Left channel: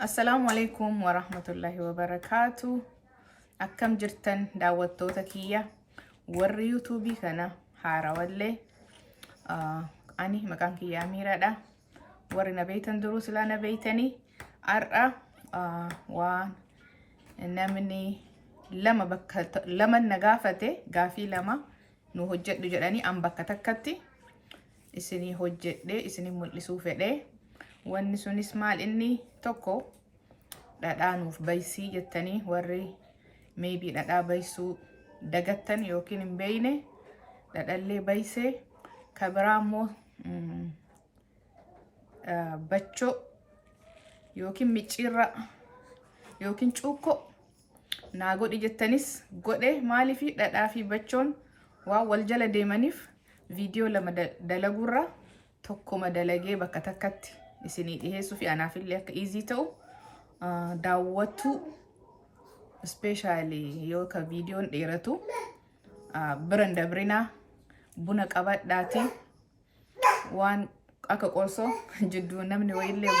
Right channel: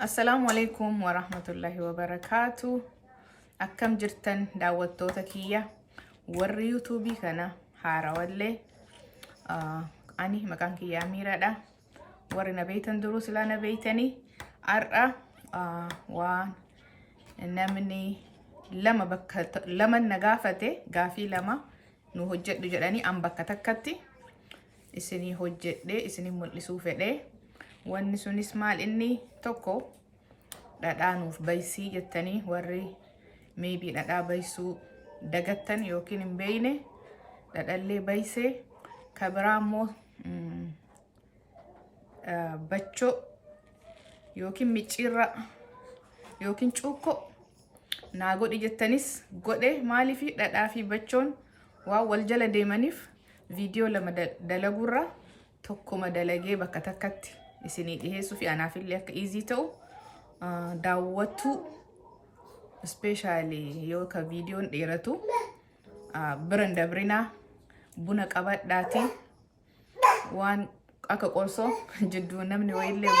Assalamu alaikum wa rahmatullahi wa barakatuh. Akkam jirtan daawwattoota kiyya warri yuutuubii kana haarawallee ani maqaan kiyya Amiiraadha. Warri na beeytan duruu silaa na beeytanii har'a waan namni lama na gaafate gaafii lama nu hojjedhu jedhanii an bakka takkatti isinii hojjedhe isinii mul'isuu fedhe. Wanni sunis maal inni tokko dhadhaa nuuf baysii jettanii warri maybe dhadhaa baysuu dagattan yookiin hin beeyne dhadhallee baysee kabiraa immoo bachoo yookiin micciirra yookiin cuukkoo naa godhi jettanis godhe. Maaliifi dhadhaa fi bachoon waan wal jala deemaniif viidiyoo lama dalagurra tokkuma dalagee bakka takkatti isinii dhiheessuu fi anaafillee akka easy ta'u daawwattu especially yoo ka viidiyoon dheeratu biran dabrinaa buna qabadhaati waan akka qorsoo jidduu namni wayillee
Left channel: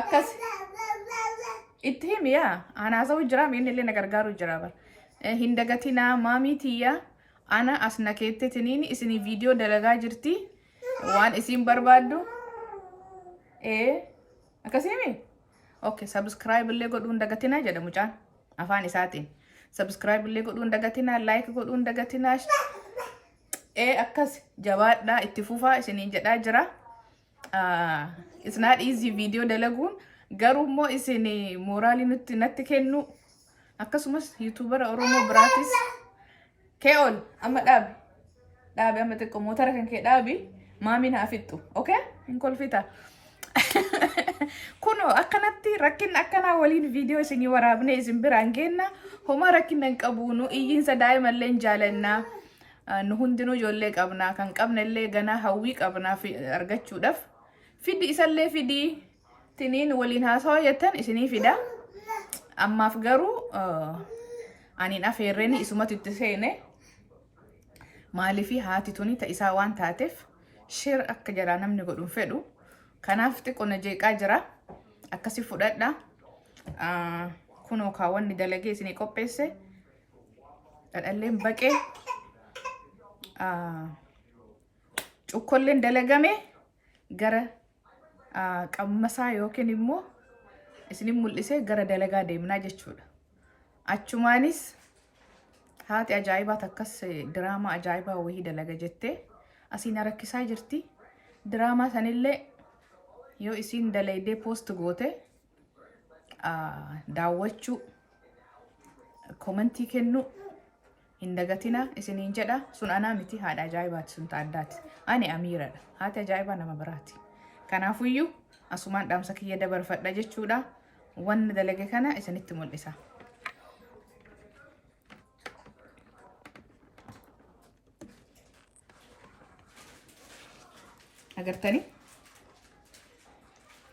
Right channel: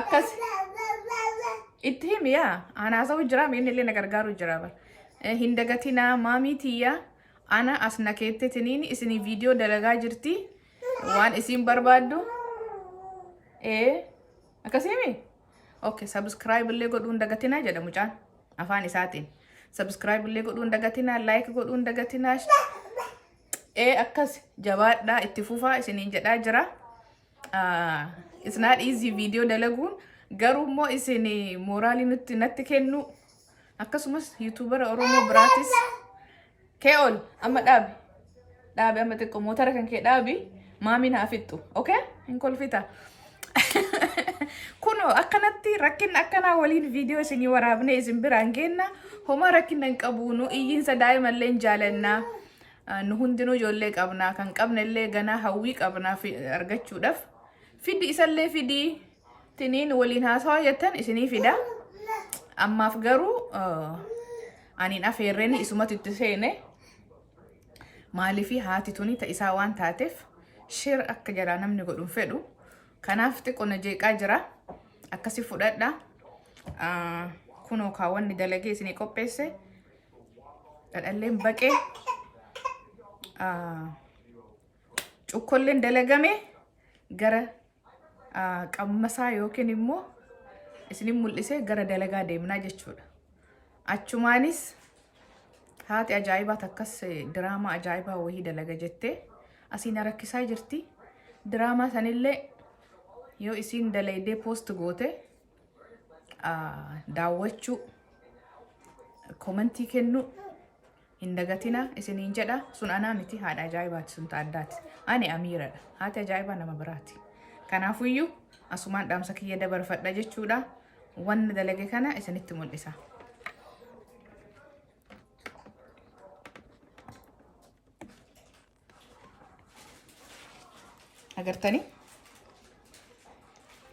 akkas itti himi yaa anaasawu jira inni illee na gargaaru jira bar hin dagatinaa maamiitiyyaa ana as nakeette tiniin isinii viidiyoo dalagaa jirti waan isin barbaaddu akkasimi okay subscribe illee godhuun dagatinaa jedha mucaan afaan isaatiin subscribe illee godhuun dagatinaa like godhuun dagatinaa akkas jabaadhaa itti fufaa isiniin jedhaa jira. It's not easy video dalaguun garuu immoo isinii mooraalii natti kennu akkasumas yuutuubara Oromoo biraatis keol amma dhaabi amma xiqqoo motora kan kee dhaabi maamiin haa fixxu okay hin kolfita. Kuno akkanatti rakkin akkanaa waliin viidiyoo isinii waraabne isin biraan geenna homa rakkinna hin qabu nu iyyiinsa daa'imallee hin jaalannaa nu hundinuu ijoollee qabnaa kan qabnellee ganaa hawwii qabnaa argachuudhaaf fiddi isallee fidii tiniin waliin haasawaa jettan isinii fida. Ammaaf garuu aniin afeerreeni isumatu itti seene maaliifi haati tuni ta'isaa waan taateef shir akka jara namni godhuun fedhu kanaaf xiqqoona jeeqaa jira akkasi fudhadha. Kunoo kaawwanni dalagee isinii qopheesse dhadhalleen baqee cukkolleen dalagame gara qammasaa yookiin immoo isinii mul'isee gara dalagaa deemnaa jechuudha. Achumaanis haati ajaa'ibaa takkas diraamaa ajaa'ibaa wayii dalaga jettee asiin rakkisaa jirti. Diraamaa sanillee yoo isin dalaydee post goote daawwachuu komentii kennu hin dagatina isiniin jedha. Sun anaa miti haadha ajaa'ibaati sun taaddaati. Ani Amiiradha. Haati ajaa'ibaa nama biraati. Kanaafuyyuu asumaan dhaamsa kiyya dabarfadha jechuudha. Wanni dalage kana isinitti mul'isa. Agartanii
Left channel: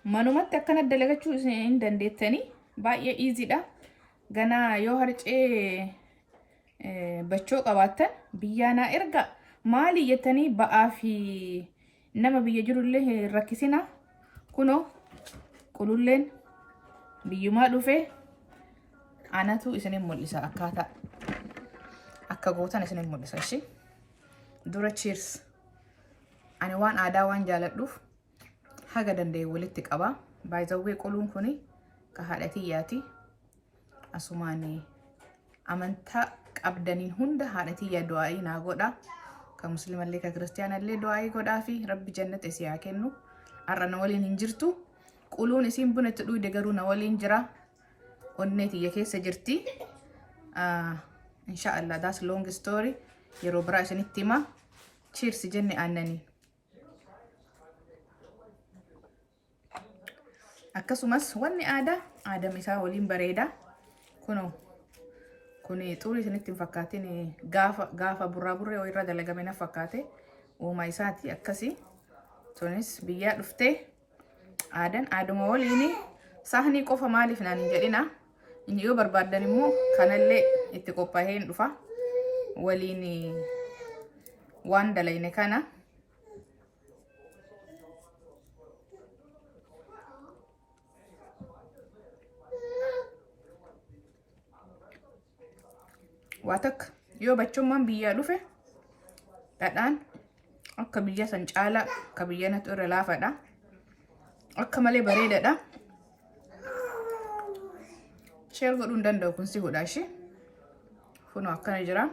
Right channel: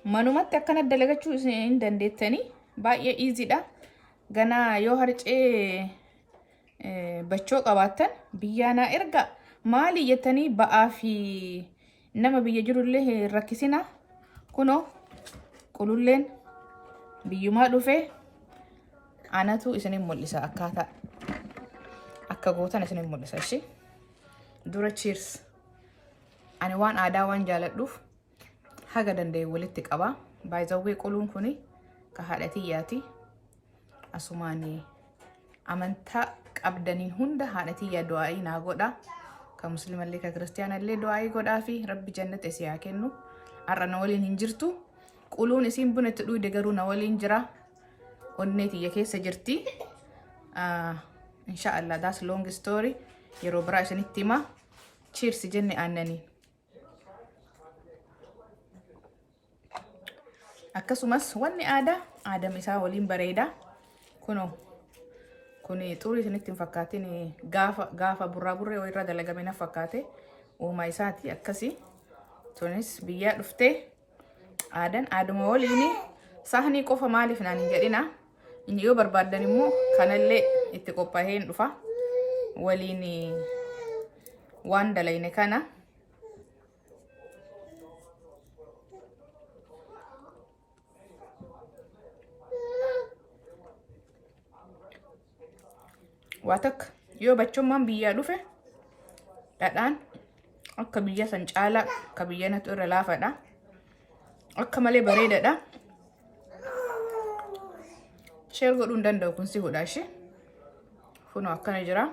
manumatti akkana dalagachuu isin dandeettanii baay'ee easy dha. Ganaa yoo harcee bachoo qabaattan biyyaanaa erga maali jettanii ba'aa fi nama biyya jirullee rakkisina. Kunoo qululleen biyyumaa dhufee anatu isinin mul'isa akkaataa akka gootan isinin mul'isa. Ishi dura cheers. Ani waan aadaa waan jaaladhuuf haga danda'e walitti qaba. Baay'izawwee quluun kuni ka haadha tiyyaati. Asumaan amantaa qabdaniin hunda haadha tiyyaa du'aa'ii naa godha. Ka musliimallee ka kiristiyaanallee du'aa'ii godhaa fi rabbi jannata isii haa kennu. Har'a na waliin hin jirtu. Quluun isiin buna itti dhuyde garuu na waliin jira. Onnee tiyya keessa jirti. Inshaallah that's long story. Yeroo biraa isinitti hima. Cheers jenne aannanii. Akkasumas wanni aadam isaa waliin bareeda. Kunoo kuni xurii isinitti hin fakkaatin gaafa burraa burree irra dalagame na fakkaate uumaa isaati akkasi. Tunis biyyaa dhuftee aaduma waliin sahnii qofa maaliif naan hin jedhina. Inni yoo barbaaddan immoo kanallee itti qophaa'ee hin dhufa waliin waan dalayne kana. waatak yoo bachummaan biyyaa dhufe dhadhaan akka biyya san caalaa akka biyyanatu irra laafadha akka malee bareedadha share godhuu hin danda'u kun si godha ishee kunoo akkana jira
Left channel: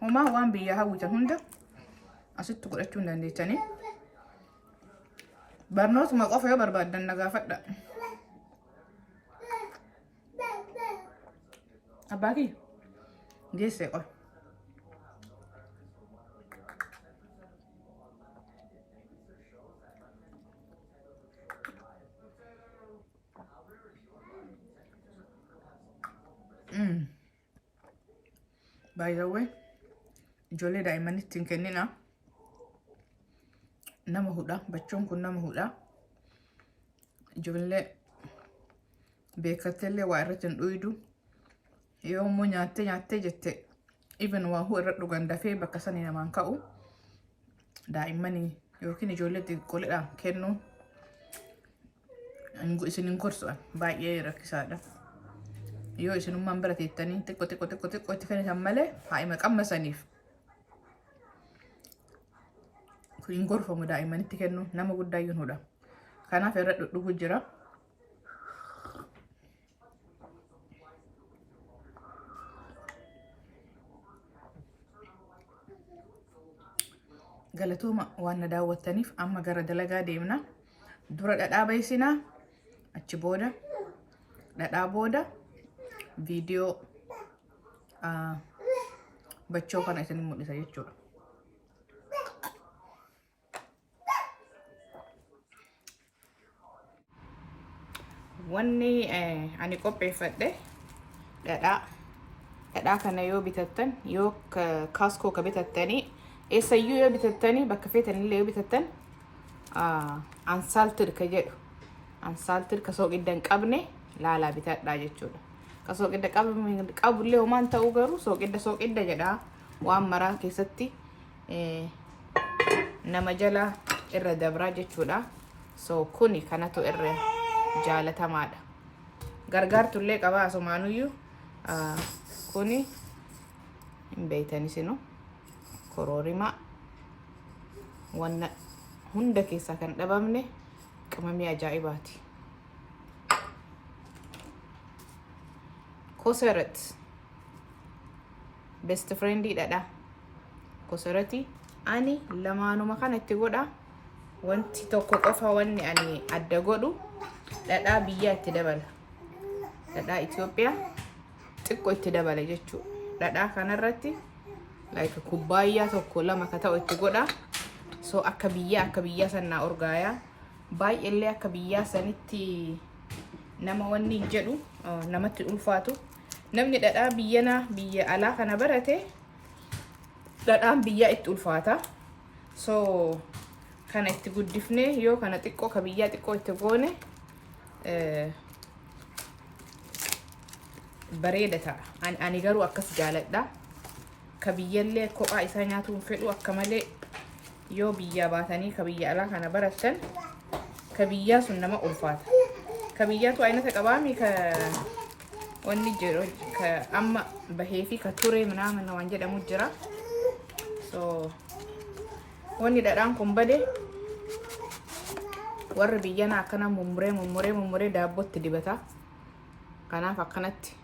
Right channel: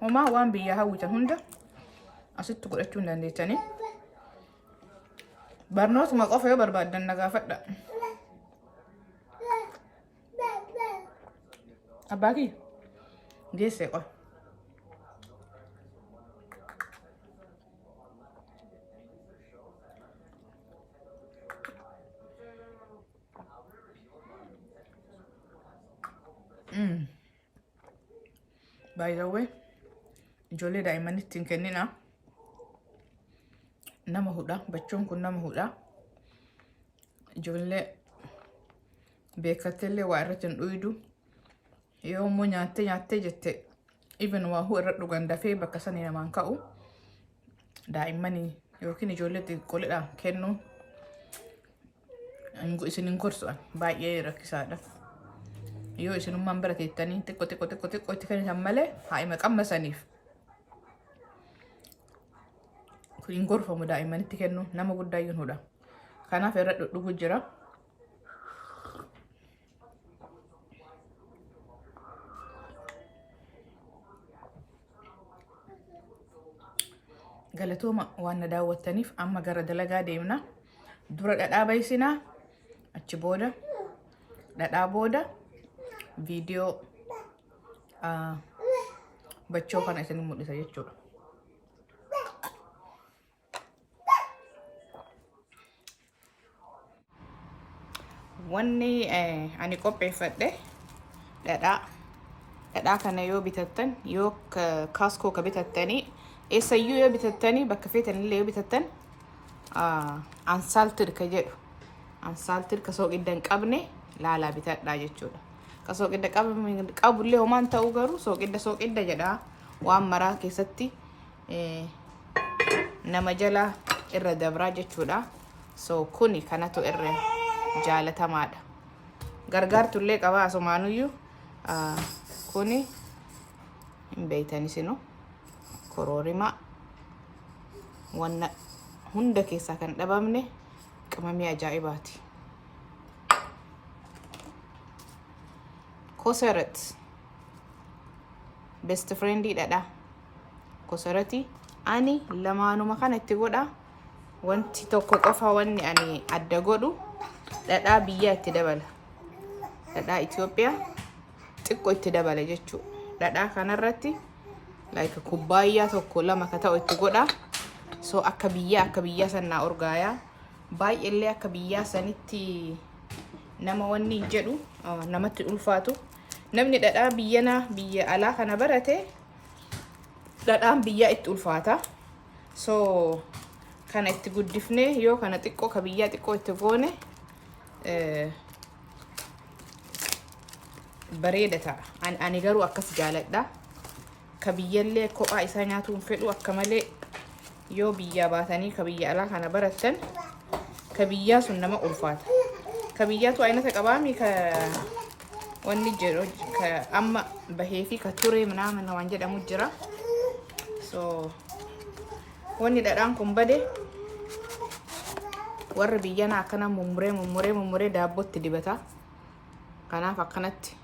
homaa waan biyyaa hawwitan hunda asitti godhachuu hin dandeessanii barnootuma qofa yoo barbaaddan na gaafadha abbaa kiyya geessee qofa by the way ijoollee daa'immanitti hin kennina nama hudha bachuun kun nama hudha ijoollee beekatteellee waa irratti hin dhuydu yoo immoo nyaattee jette even waa huu irra dhugan dafee bakka sanii namaan ka'u daa'immanii yookiin ijoollee xiqqoolidhaan kennuun isin hin gorsu'an baay'ee rakkisaadha yoo isinummaan bira teettanii xiqqoo itti kennitan malee haa'ima qammasaniif hin gorfamu daa'immanitti kennuun nama guddaayyuun hudha kanaaf irra dhudhugu jira galatooma waan na daawwattaniif amma gara dalagaa deemna dura dhadhaa baysinaa achi booda dhadhaa booda viidiyoo bachoo kana isin mul'isa jechuudha wanni ani qopheeffadhe dhadhaa kana yoo bitattan yoo kaaskoo ka bitattanii eessayyuu yoo bitattanii bakka feetanillee yoo bitattan ansaaltir ka jedhu ansaaltir ka sooqidda hin qabne laalaa bitadhaa jechuudha ka sooqidda qabullee homaan ta'uu garuu sooqidda jedhaa waan maraa keessatti nama jala irra dabraa jechuudha so kuni kanatu irra jaalatamaadha gargaartullee qaba asumaanuyyuu kuni hin beeytanisinu koroorima wanna hunda keessaa kan dhabamne qimamii ajaa'ibaati kosarat best friendii dhadha kosarati ani lamaanuma kana itti godha wanti tokko qofa wanni ani adda godhu dhadhaa biyya itti dabala dhadhaa Itoophiyaa xiqqoo itti dabala jechuudha dhadhaa kanarratti like kubbaayyaa tokko lama ka ta'u itti godha so akka biyyaa sanaa urgaaya baay'eellee akka biyyaa sanitti nama wanni jedhu namatti ulfaatu namni dhadhaa biyya alaa kana barate dhadhaan biyyaa itti ulfaata so kana itti guddifne yoo kana xiqqoo ka biyyaa xiqqoo itti goone bareeda ta'a ani garuu akkas jaaladha ka biyyallee kophaa isaa nyaatuun fedhu akka malee yoo biyyaa baatanii ka biyya alaa kana baratan ka biyyaa sun nama ulfaata ka biyyaatu aynata qabaami ka wanni jedhu ka amma bahee fi ka ture minaaman waan jedhamu jira so wanni dhadhaan kun bade warra biyyana akkana mummuree daabbootti dibata kanaaf akkanatti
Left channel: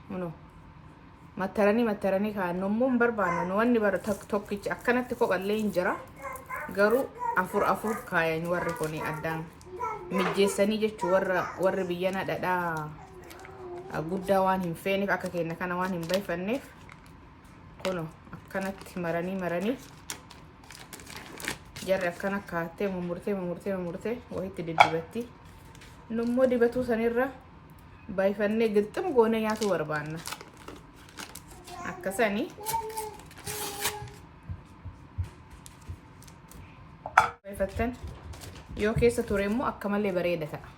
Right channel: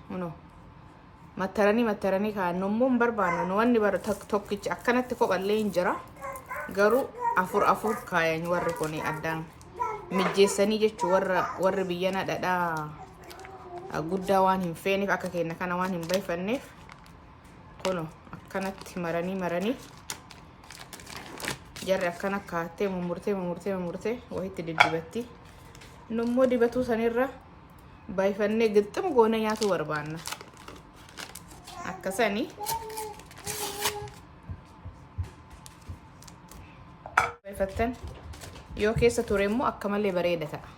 mattaranii kaannommoon barbaannu wanni bara tokkichi akkanatti kophallee hin jira garuu afur kaayan warri kun addaan mijjeessanii jechuu warri biyyana dhadhaa guddaa waan hin feeneef akka kenna kana waan hin bayfanneef kuno akkanatti maranii jarri akkana kaattee mummurtee wahitti diddibatti nummoo dibatuu sanirra bayfannee gixxum goone nyaatu barbaanna akkasanii bayfattan yoo keessa ture immoo akka malee bareeda ta'a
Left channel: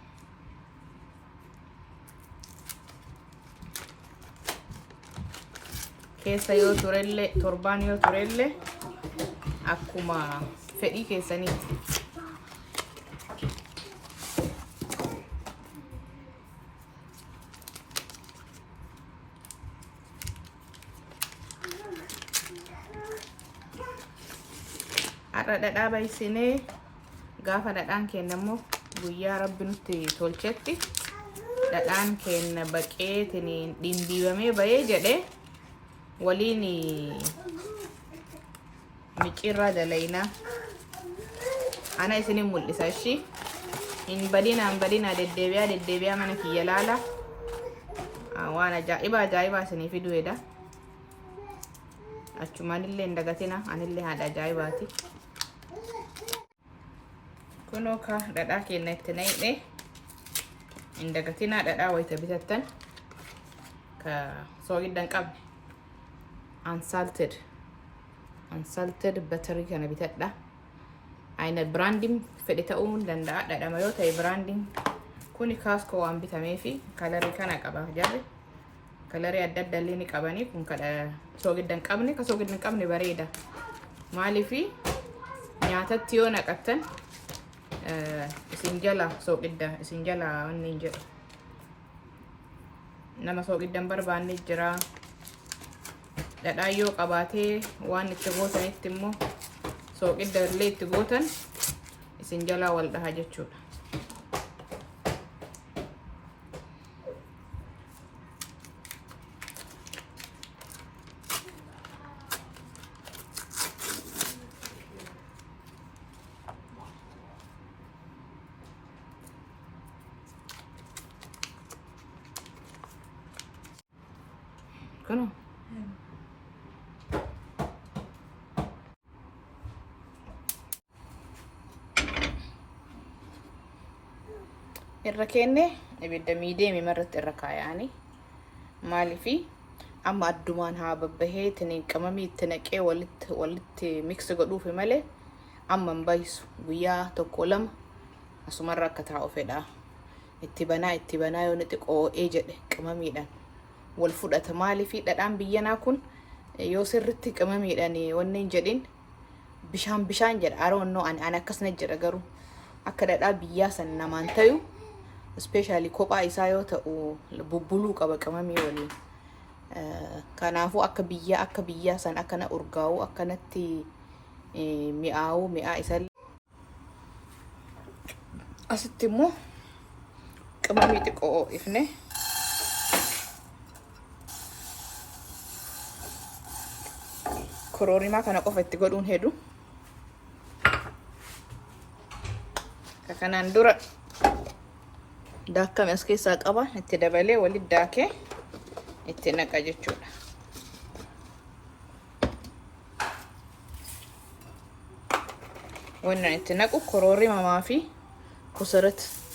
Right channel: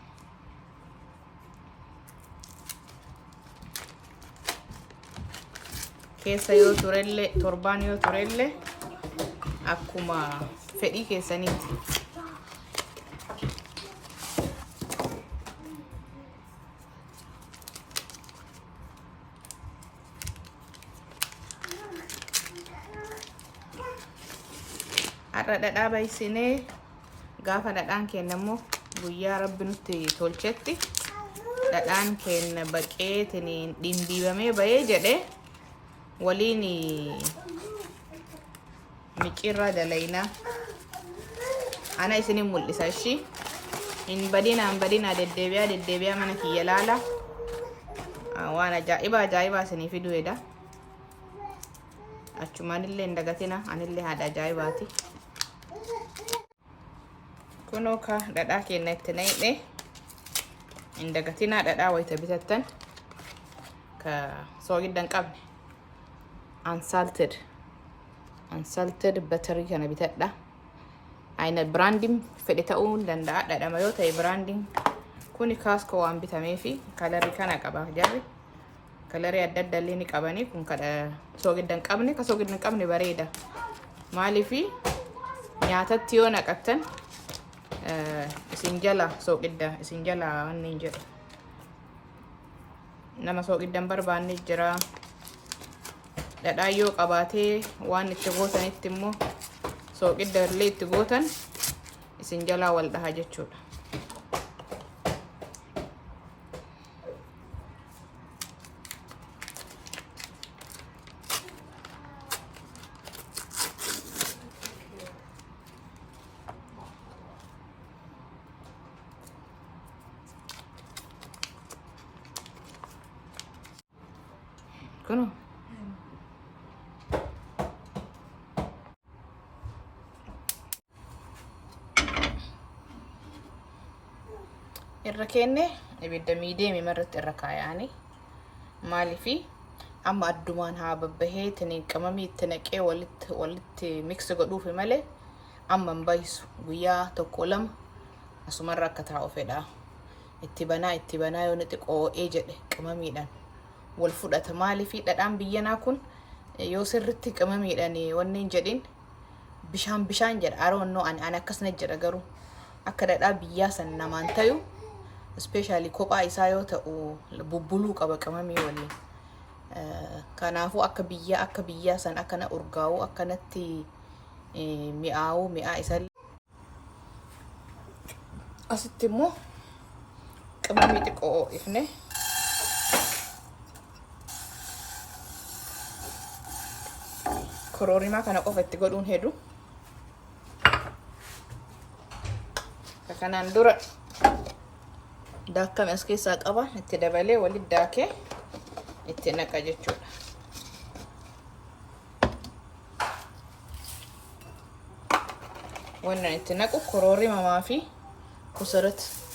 keessa yoo turellee torbaan yoo turellee akkuma fedhii keessaniiti. Har'a dhadhaa baysinee gaafa dhadhaan keenya immoo guyyaa rabbi nutti tolchetti dhadhaan keenya baqeetiin dhimbiibamee bahee jedhe waliin micirraa dalaynaa. Ana isinin mul'isa ishii hin badinaa deddeebi'aa mana kiyya laala. Waan ajaa'ibaa isinii fiduudha. Achumaanillee hin dagatina, anillee haadha ajaa'ibaati. Kunoo ka dhadhaa keenya itti naqne hin dagatinaa, dhadhaa wayita bitattan ka soogidda hin qabne unsalted butterii kana bitadha. Aina branding fedhe ta'uu danda'a. Dhadhama yoo ta'e branding kuni Costco waan bitameefi kalarii kana qabaaf jarri. Kalarii adda adda illee ni qabani. Kun kadha soogidda hin qabne, ka soogidda hin qabne bareeda. Maaliifi nyaatatti yoo naqattan isin jala soogidda isin jala wanni hin jedhu. Nama soogidda hin barbaanne jira. Dhadhaa yoo qabaatee waan itti gootanitti immoo soogidda illee itti gootan isin jalaa wal dhaha jechuudha. Kuno irra kenne ibidda miidiyeemii irratti irra kaayanii maaliifi amma addumaan haa babbahee tiniin qamamii itti naqee walitti mix godhuufi malee amma hin bayisu. Guyyaa tokko lama asumarra akka taa'u fedha. Itti banaa yoo niti qoo'ee jedhe qamamiidhaan wal fudhata. Maaliifi dhadhaan biyyanaa kun yoo sirritti qamamiidhaan wanni hin jedhin bishaan jedha. Aroonnoo ani akkasna jedha garuu akka dhadhaa biyyaa san namaan tayu especially kophaa isaa yoo ta'u bubbuluu qaba qamamii waliin. Kanaafuu akka biyyaa san akkana urgaa'u akkanatti mi'aa isa. Asitti immoo qamamii xiqqoo ifne kororimaa kana qofa itti godhuun hedu. Kanaan dura daakkame as keessaa qaba, itti dabalee walitti daakee itti naqa jechuudha. Wannan itti naqu kororimaa fi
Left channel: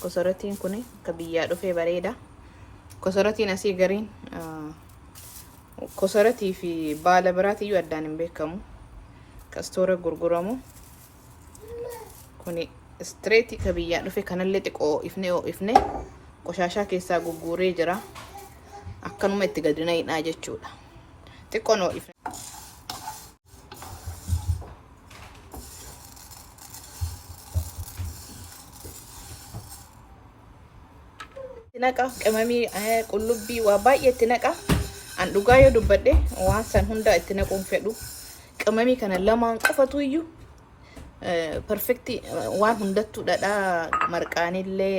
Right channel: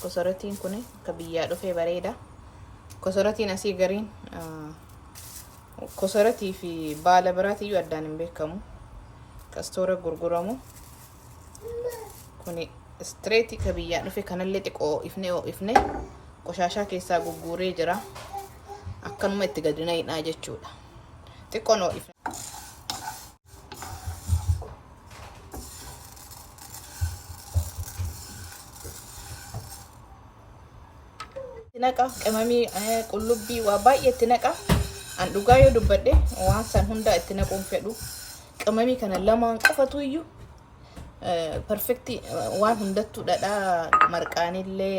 kosaratiin kun akka biyyaa dhufee bareeda. Kosaratiin asii gariin kosaratii fi baala biraatiyyuu addaan hin beekamu. Kastoora gurguramu kuni straight ka biyyaa dhufe kanallee xiqqoo ifne qoshashaa keessaa gugguuree jira. Akkanuma itti gadina hidhaa jechuudha. Xiqqoon ifne naqa qamamii qullubbii waa baay'ee itti naqa. An dhugaa yoo dubbadhe waan san hunda itti naquun fedhu. Qamamii kana lamaan qofatu iyyuu perfecti waan hundattuu dhadhaa marqaanillee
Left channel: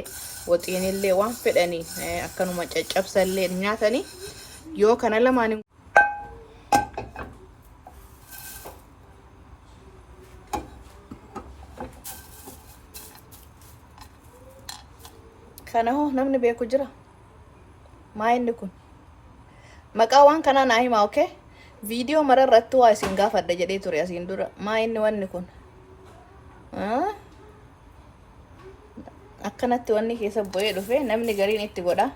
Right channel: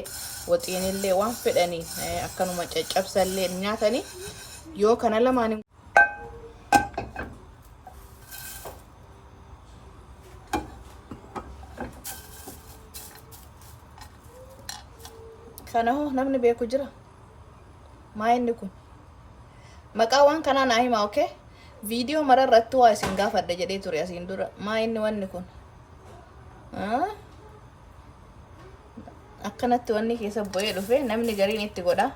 waxiinillee waan fedhanii akkanuma caccabsallee nyaatanii yoo kana lamaan kana hoo namni beeku jira. Maa inni kun maqaa waan kanaa naa himaa. Okay, viidiyoo mararratti waa isin gaafadha jedhee ture asiin dura. Maa inni wanni kun akkanatti wanni keessa bu'ee dhufe namni gariin itti godha.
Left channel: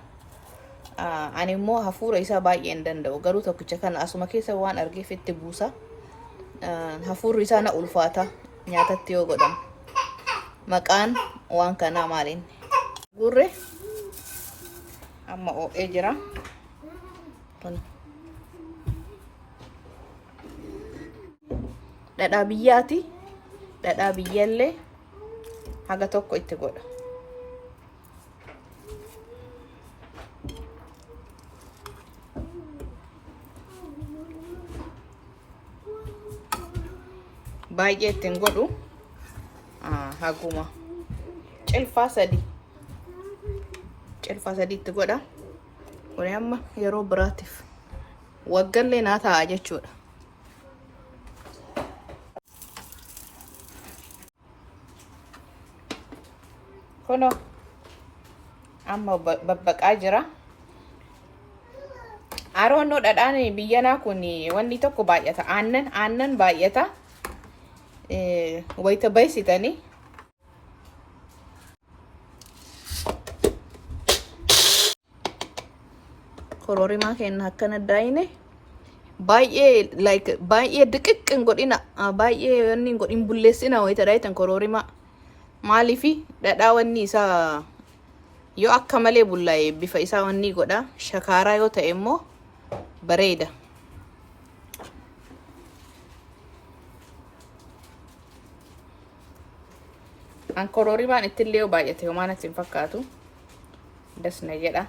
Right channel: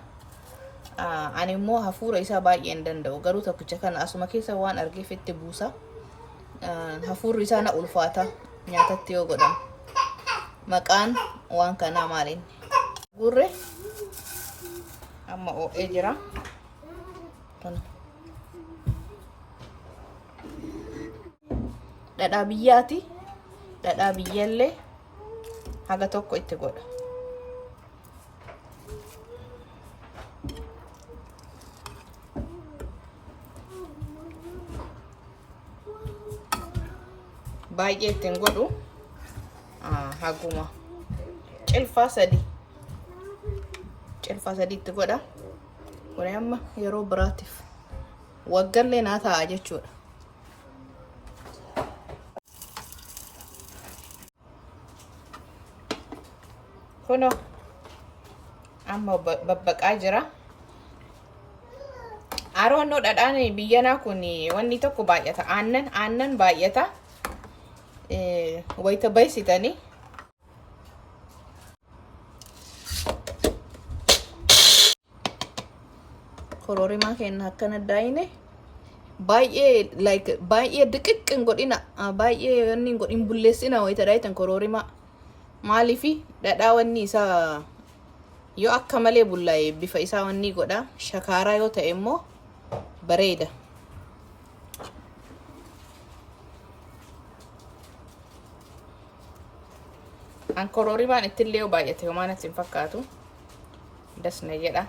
Ani immoo hafuura isaa baay'ee hin danda'u. Garuu tokkicha kana asuma keessa waan argeef itti buusa. Hafuurri isaa na ulfaata nyaatatti yoo godhamu. Maqaan waan kanaa maaliin? Gurre amma oo'ee jira. Dhadhaa biyyaati. dhadhaa biyyallee haga tokko itti godha. Baay'ee ittiin godhu haguma cilfaa sadii itti godha. Kun amma yeroo biraatiif waggallee naa ta'a jechuudha. Kuno amma babbaqaa jira. Aroonnoo dhadhaan biyyanaa kun wanni tokko baay'ata. Aannan baay'ata. Wayita baysitanii kororimaa kenna akkana daayine baay'ee diqiqqin godhina, baay'ee wanni godhin bulleessina wayita daayitan kororimaa. Maaliifi dhadhaa wanni isaa yoo akka malee bullaa'e bifa isaa wanni godha. Shakaaraa yoo ta'e immoo bareeda. An kororimaan ittillee yoo baay'ate homaa natti hin fakkaatu. Dasna jedha.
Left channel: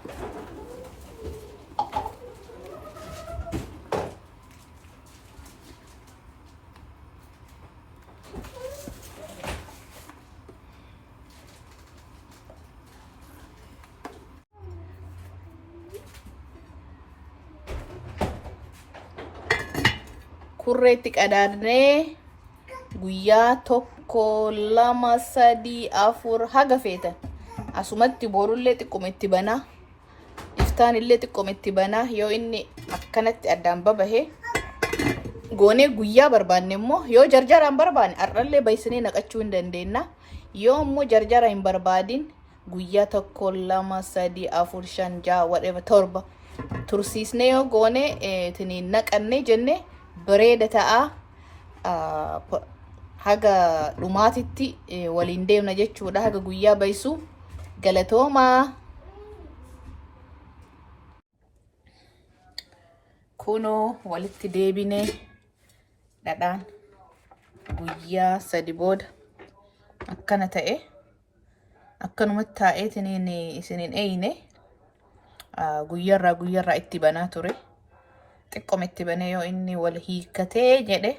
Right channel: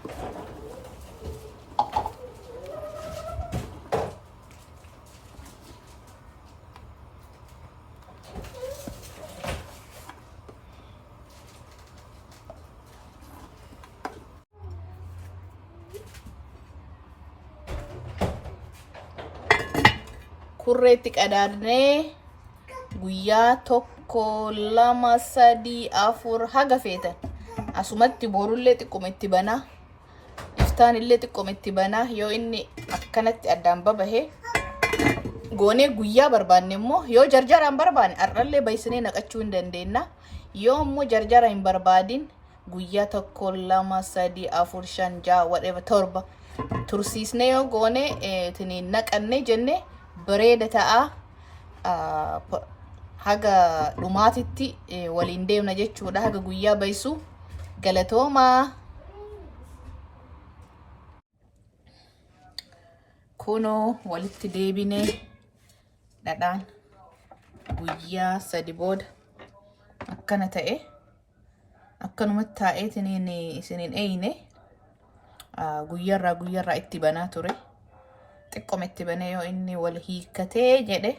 Kurreetti qadaadnee guyyaa tokko lama sadii afur haga feetan asumatti boorullee xiqquma itti banaa, iftaan illee xiqquma itti banaa. Yoo inni akkanatti addaan babahe goonee guyyaa barbaanne immoo yoo jarjaraan barbaanne har'allee baysinee naqachuu hin dandeenya. Yoo immoo jarjara hin barbaadin guyyaa tokko lama sadii afur shan jaha whatever torba tursiisnee yoo goone tiniin naqannee jenne bareeda ta'a. Haga dhumaatitti waliin deemna jechuudha. Haga guyyaa baysu galatoomaa. Kunoo walitti deebine dhadhaan guyyaa sadi booda akkana ta'e. Akkanumatti taa'ee isiniin eeyine guyyaarraa itti banaa ture. Xiqqoma itti banee yoo inni wal hiikkatee jedhe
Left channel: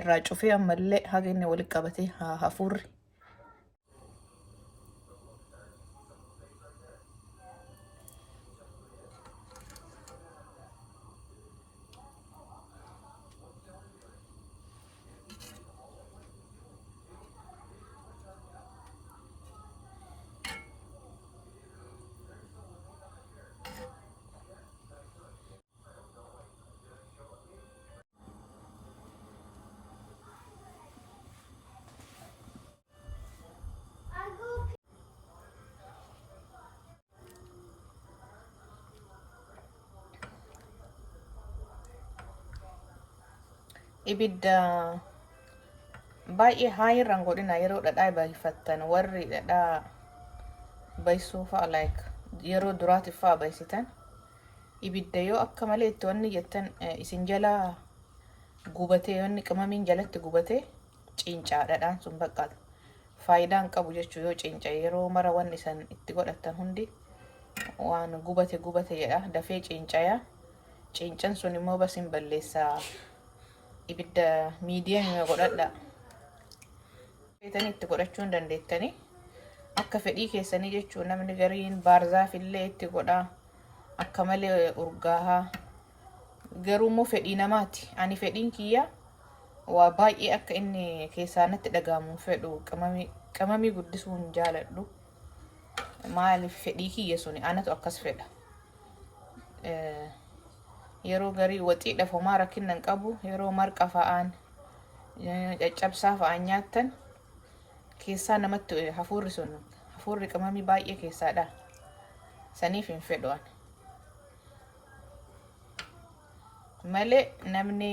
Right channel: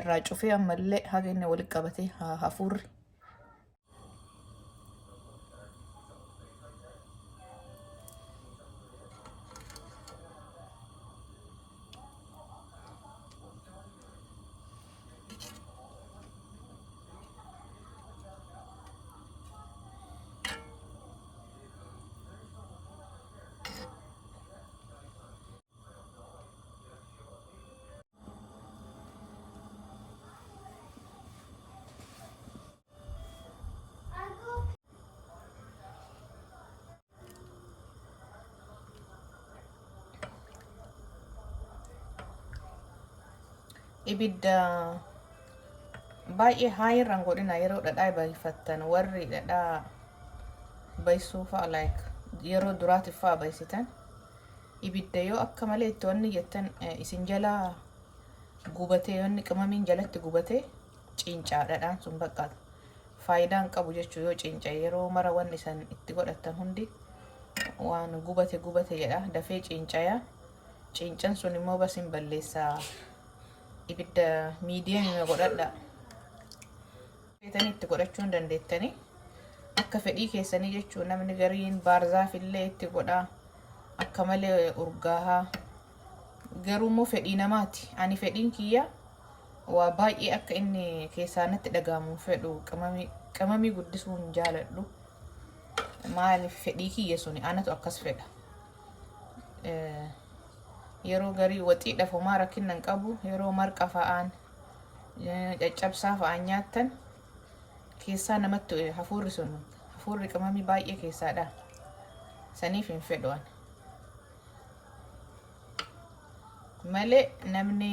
irraa cufee ammallee haga inni walitti qabatee hafuurri. Ibidda baay'ee haayirraan godhina yeroo dhadhaa bayfattan. Warri dhadhaa baysuu fa'a yeroo duraatiif fa'a baysitan ibidda yoo akka malee itti wanni jettan isin jala gubatee wanni qimamiin jalatti gubatee ciincaa dhadhaan sun baqqaata. Faayidaan qabu jechuu yoo ciinca yeroo mara wanni isan itti godhattan hundi waan gubate jedha dafee ciincaya. Ciincan sun immoo basin balleessaa. Ibidda miidiyaa hima godhadha. Feetanii itti godhachuu hin dandeettanii akka fedhii keessanii jechuun. Namni gariin baarzaaf illee itti godhaa akka malee urgaahaa. Garuu immoo fedhii namaati. Ani fedhiin kiyya waa baay'ee akka inni keessaa natti dhaga'amu fedhu. Qimamii guddisuu hin jaaladhu. Maaliif fedhii kiyya suni anatu akkas fedha. Yeroo garii waxiidhaaf homaa rakkinna hin qabu. Yeroo marqa fa'aan caccabsaa fa'aan nyaattan keessaa namatti hafuurri qimamii baay'ee keessaadha. Saniif hin fedhu ani. Malee namni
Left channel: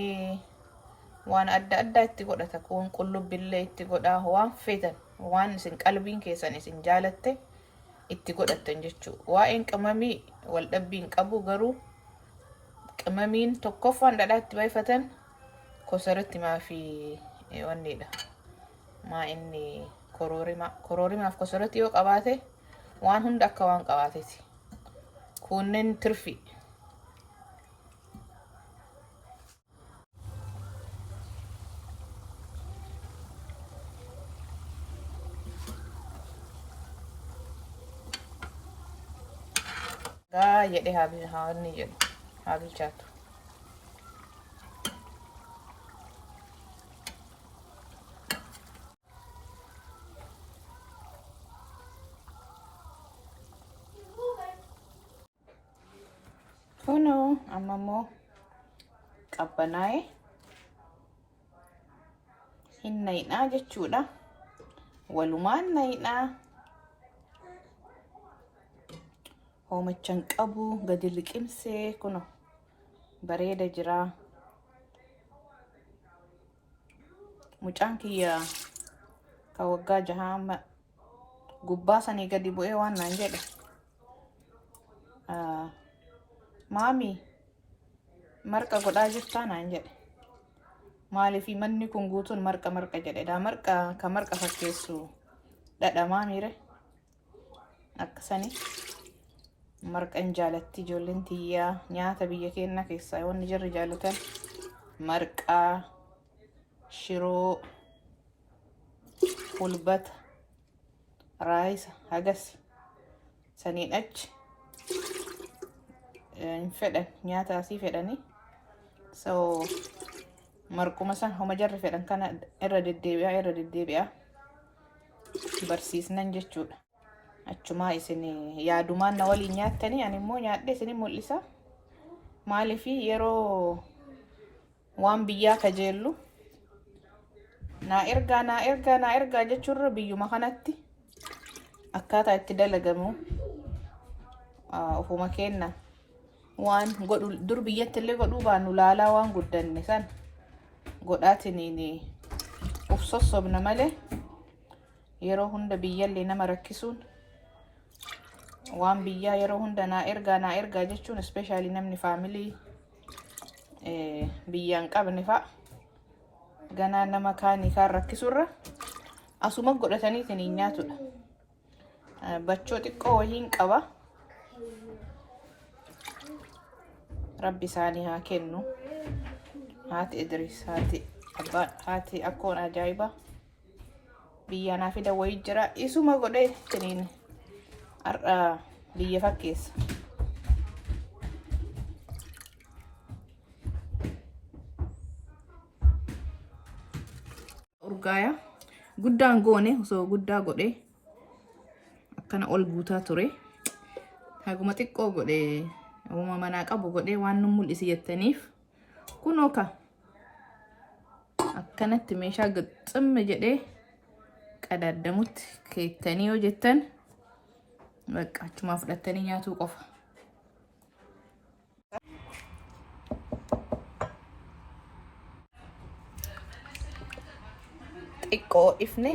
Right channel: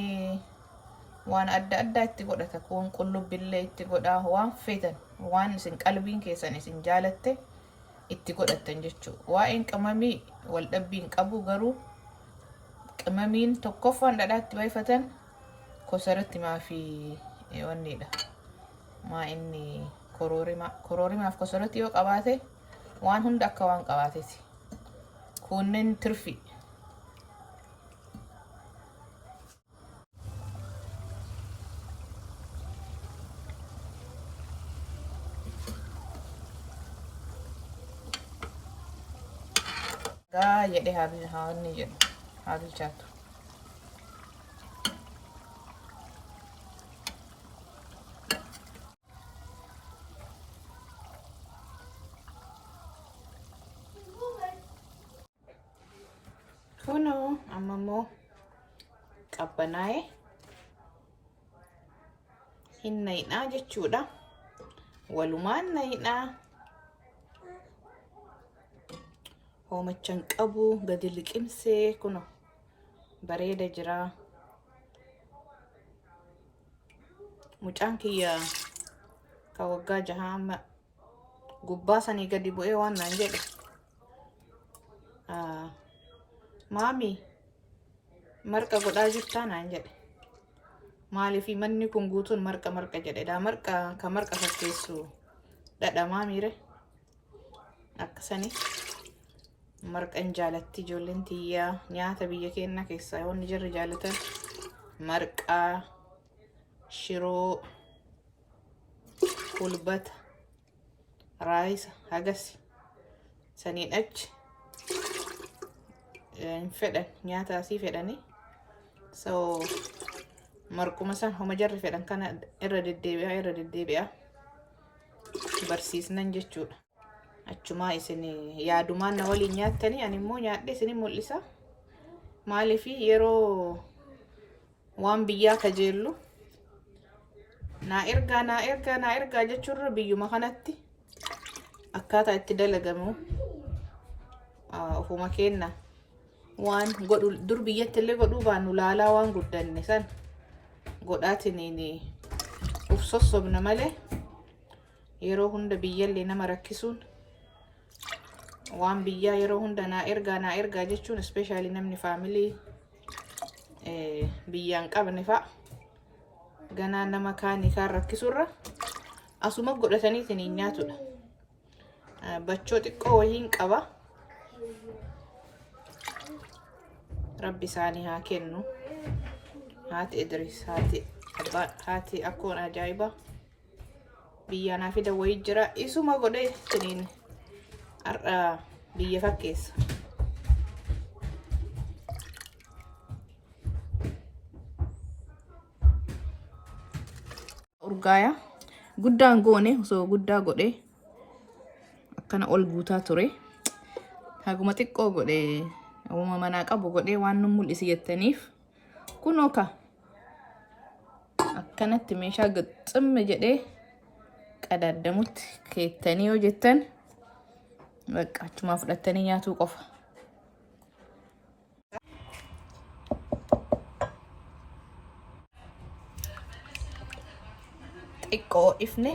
waan adda addaa itti godhata. Kun qullubbillee itti godhaa. Waan feetan waan isin qalbiin keessan isin jaalatte itti godhattan jechuudha. Waa'een qimamii wal dhabbii hin qabu. Garuu qimamiin tokkoffaan dhadhaatti bayfatan kosaratti maafi wanniidha. maa inni koroorimaaf kosoroti yoo qabaate waan hunda akka waan qabaateeti. Kunneen tirfi. Gaa jedhe haa inni jedhu haa bilchaatu. Kuno amma immoo qabbanaa'e hin na'inaa jechuudha. Walumaan na'inaa. Hoomachan qabu gadi liqimsee kuno bareeda jira. Mucaan kiyya ka waggaa 6 gubbaa sanii gadi bu'ee waan nan jedhe. Maami marqa godhaa jirtaa naan jedhe. Maaliif manni kun guutuun marqa jedhedha. Marqa fakkeessu dhadha maamiire akkasanii. Marqan jaalatti ijoolleen tiyyaa. Nyaata biyya keenya keessaa wanni jarri jaalatan marqaa, shiroo, kulbata, raayisa hagas saniin achi hin fedhan nyaata asii fedhanii. So marquma san homa jarri fedhan kana irra deddeebi'a barsiisnan jechuudha. Achumaa isin yaadumaan na waliin nyaattanii ani immoo nyaadhee isin mul'isa. Maaliif yeroo waan biyyaa kajeellu naa ergaa jechuurra biyyuma kanatti akkaataa itti dalagamu ofuma kenna waan godhu dur biyyatti illee godhuu baanu laalaa waan guddanne san godhaatiniin uf sossobna malee yeroo hunda biyyallee nama rakkisuun waan biyyaa yeroo hunda naa ergaa jechuun especially namni faamilii biyyaan qabne fa'a ganaa nama kaanii kaan rakkisurra asuma godhataniitiin hin nyaatudha. Bachoo xiqqoo wayiin qaba. Rabbi isaanii haa kennu. Haati Idris haati akkoon ajaa'iba biyyaanaa fida wayii jira. Isuma godhee tiniin har'a biyya fakkeessa. Urgaaya guddaan goone osoo guddaa godhee akkana ol guutaa ture. Haguma xiqqoo godhee haguma manaa qabu godhee waan nu mul'isi jettaniif kunoo ka akkanatti meeshaa gixximme jedhee qadaadamutti keettanii yoo jettan bakka achumaa fudhattanii nyaatuu qofa. Xiqqoo ifne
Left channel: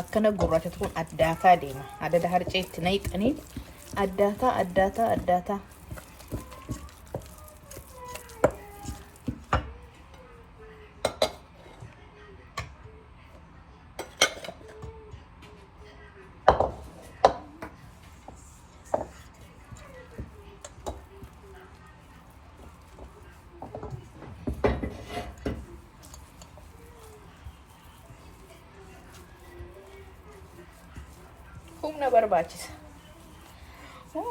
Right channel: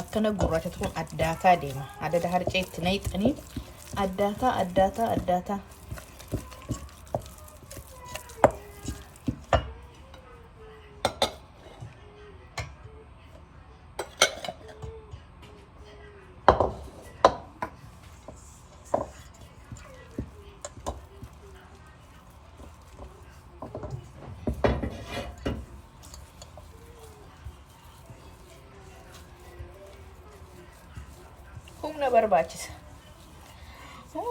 akkana gurraachatu kun addaataa deema. Adada harceetti naqxanii addaataa. Humna barbaachisa. Sana